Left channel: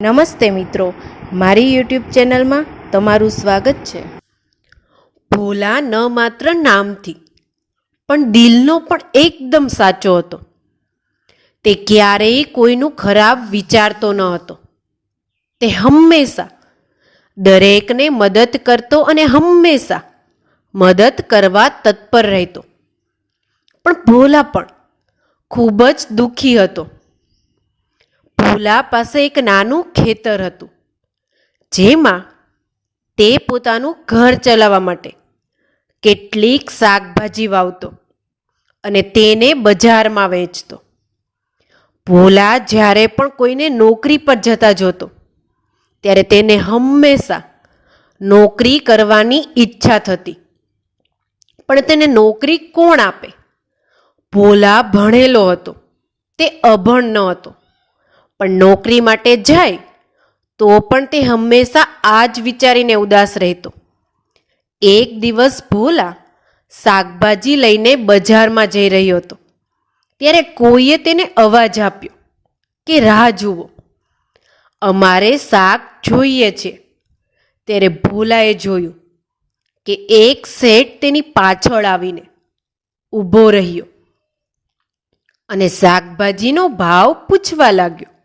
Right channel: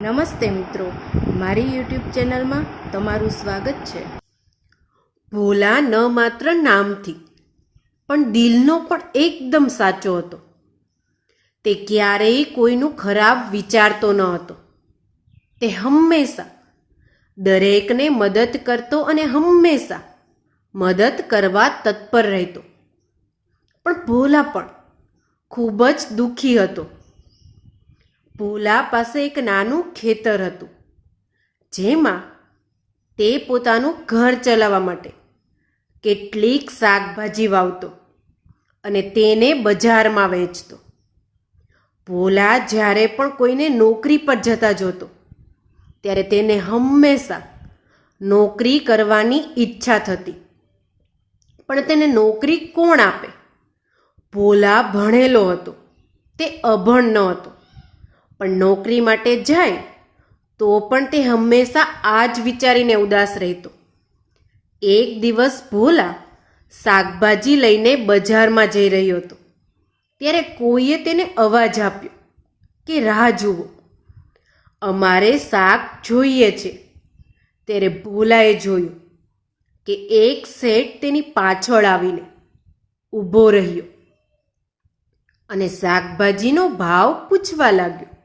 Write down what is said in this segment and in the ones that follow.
નમસ્તે મિત્રો, મારી યુટ્યુબ ચેનલમાં તમારું સ્વાગત છે. ભોલા ન માત્ર નામથી, પણ દિલનો પણ એકદમ સાચો હતો. તે ક્યારેય કોઈનું ખરાબ વિચારતો ન હતો. તે હંમેશા દરેકને મદદ કરતો અને હંમેશા મદદ કરવા તત્પર રહેતો. પણ ભોલા પણ ખૂબ જ દુઃખી હતો. ભોલા પાસે એક નાનું ખેતર હતું, જેમાં તે પોતાનું ઘર ચલાવવા માટે કેટલીક શાકભાજી વાવતો અને તેને બજારમાં વેચતો. ભોલા જ્યારે પણ કોઈને નોકરી પર જતા જોતો, ત્યારે તેને હંમેશા નોકરી કરવાની ઈચ્છા થતી. પણ તેને નોકરી કોણ આપે? ભોલા ભણેલો હતો, તે અભણ ન હતો. પણ નોકરી માટે જાય, તો પણ તે હંમેશા આ જ વિચારીને ઉદાસ રહેતો. એક દિવસ ભોલા શાકભાજી લઈને બજારમાં જઈ રહ્યો હતો. ત્યારે કોઈએ તેને અવાજ આપ્યો કે, રાહ જુઓ. અમારે શાક જોઈએ છે. ત્યારે ભોલાએ જોયું કે એક શેઠ તેની પાછળ આવીને ઊભો રહ્યો અને શાકભાજીનો ભાવ પૂછવા લાગ્યો.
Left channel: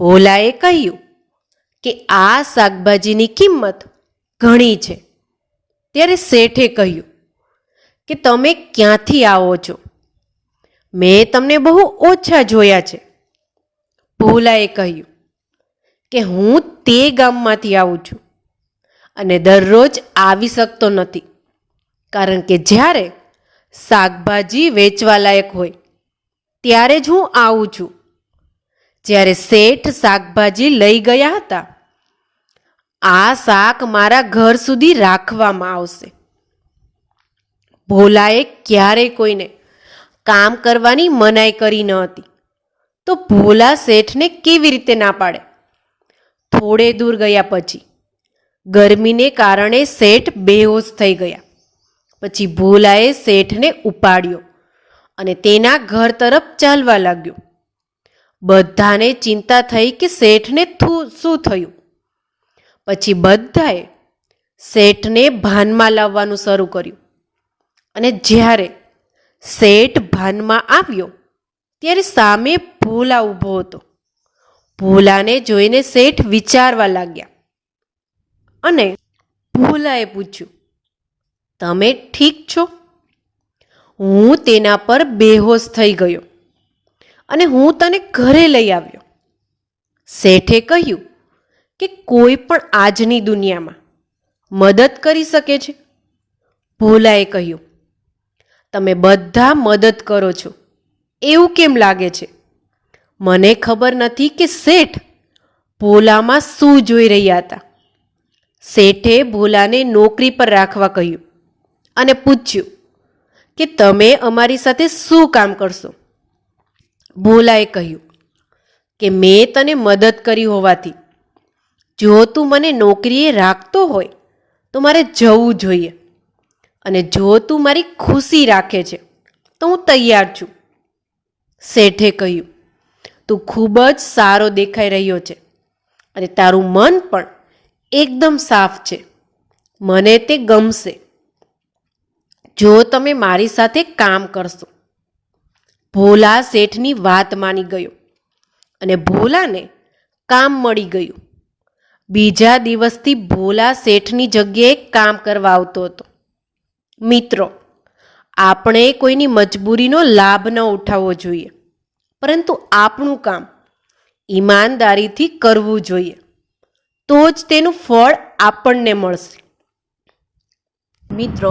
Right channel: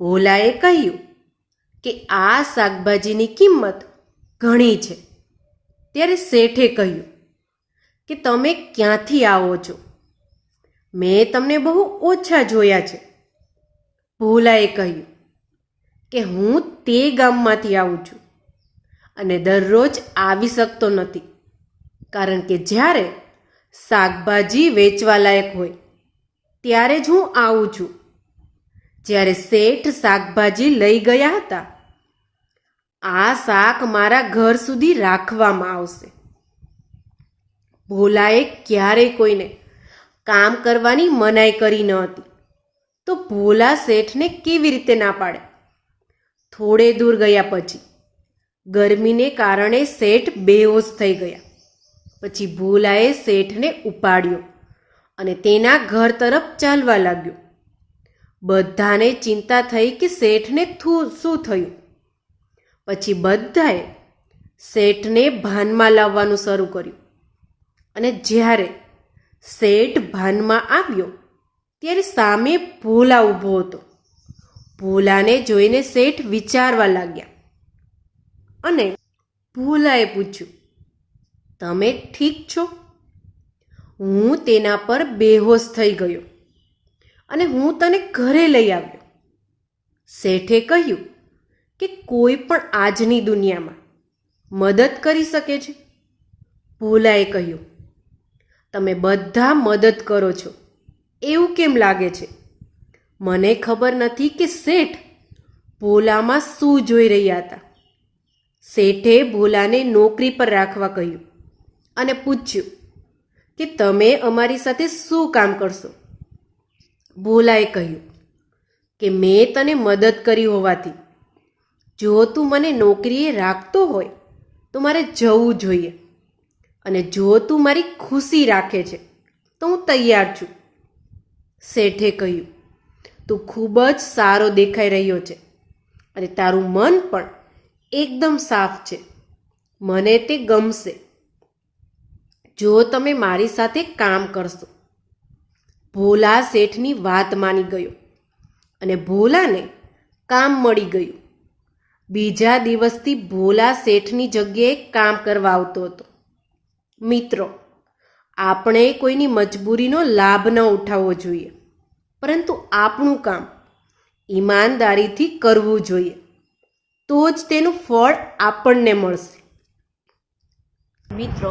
ભોલાએ કહ્યું કે આ શાકભાજીની કિંમત ઘણી છે. ત્યારે શેઠે કહ્યું કે તમે ક્યાંથી આવો છો? મેં તમને બહુ ઓછા જોયા છે. ભોલાએ કહ્યું કે હું તે ગામમાંથી આવું છું અને દરરોજ આવી શકતો નથી. કારણ કે જ્યારે શાકભાજી વેચવા લાયક હોય, ત્યારે જ હું આવું છું. જ્યારે શેઠ શાકભાજી લઈ ગયા હતા, આ શાક મારા ઘર સુધી રાખવામાં આવશે. ભોલાએ ક્યારેય કોઈને કામ કરવાની મનાઈ કરી ન હતી. તો ભોલા શેઠને કેવી રીતે ના પાડે? થોડે દૂર ગયા પછી, ગરમીને કારણે શેઠ બેહોશ થઈ ગયા. પછી ભોલાએ શેઠને ઉપાડ્યો અને તેના ઘર તરફ ચાલવા લાગ્યો. બધાને ચિંતા થઈ કે શેઠને શું થયું? પછી બધાએ શેઠને ભાનમાં લાવવાનું શરૂ કર્યું. અને જ્યારે શેઠ ભાનમાં આવ્યો, ત્યારે સામે ભોલા ઊભો હતો. ભોલાને જોઈને શેઠ વિચારવા લાગ્યા. અને ભોલાએ પૂછ્યું, તમે ઠીક છો? હું તેના પર બેહોશ થઈ ગયો. અને હું તને ઘરે લઈ આવ્યો. શેઠે કહ્યું કે કોઈ પણ આજની દુનિયામાં મદદ કરી શકે છે. ભોલાએ કહ્યું, તમે બધા મદદ કરો છો. એવું કેમ લાગે છે? મને ખબર નથી કે શેઠ ભોલામાં શું જોઈ રહ્યા હતા. શેઠે ભોલાને નોકરી પર રાખવા કહ્યું અને પૂછ્યું કે, તમે અમારી સાથે શું કામ કરશો? ભોલાએ કહ્યું કે મેં તને મદદ કરી હોવાથી, જો તું મને નોકરીએ રાખતો હોય, તો મારે જવું જોઈએ. અને જો તું મારી ખુશી રાખે છે, તો હું તૈયાર છું. શેઠે કહ્યું, તું ખૂબ જ સારો દેખાઈ રહ્યો છે અને તારું મન પણ એકદમ સાફ છે. મને તે ગમશે. જો તમે મારી સાથે કામ કરશો ભોલા શેઠની વાત માની ગયો અને ભોલાને કામ મળી ગયું. બીજા દિવસથી ભોલા શેઠની જગ્યાએ કામ કરવા આવતો હતો. મિત્રો, આપણે કોઈની મજબૂરીનો લાભ ન ઉઠાવવો જોઈએ, પરંતુ આપણું કામ ઈમાનદારીથી કરવું જોઈએ. તો જ તેનું ફળ આપણને મળશે. મિત્રો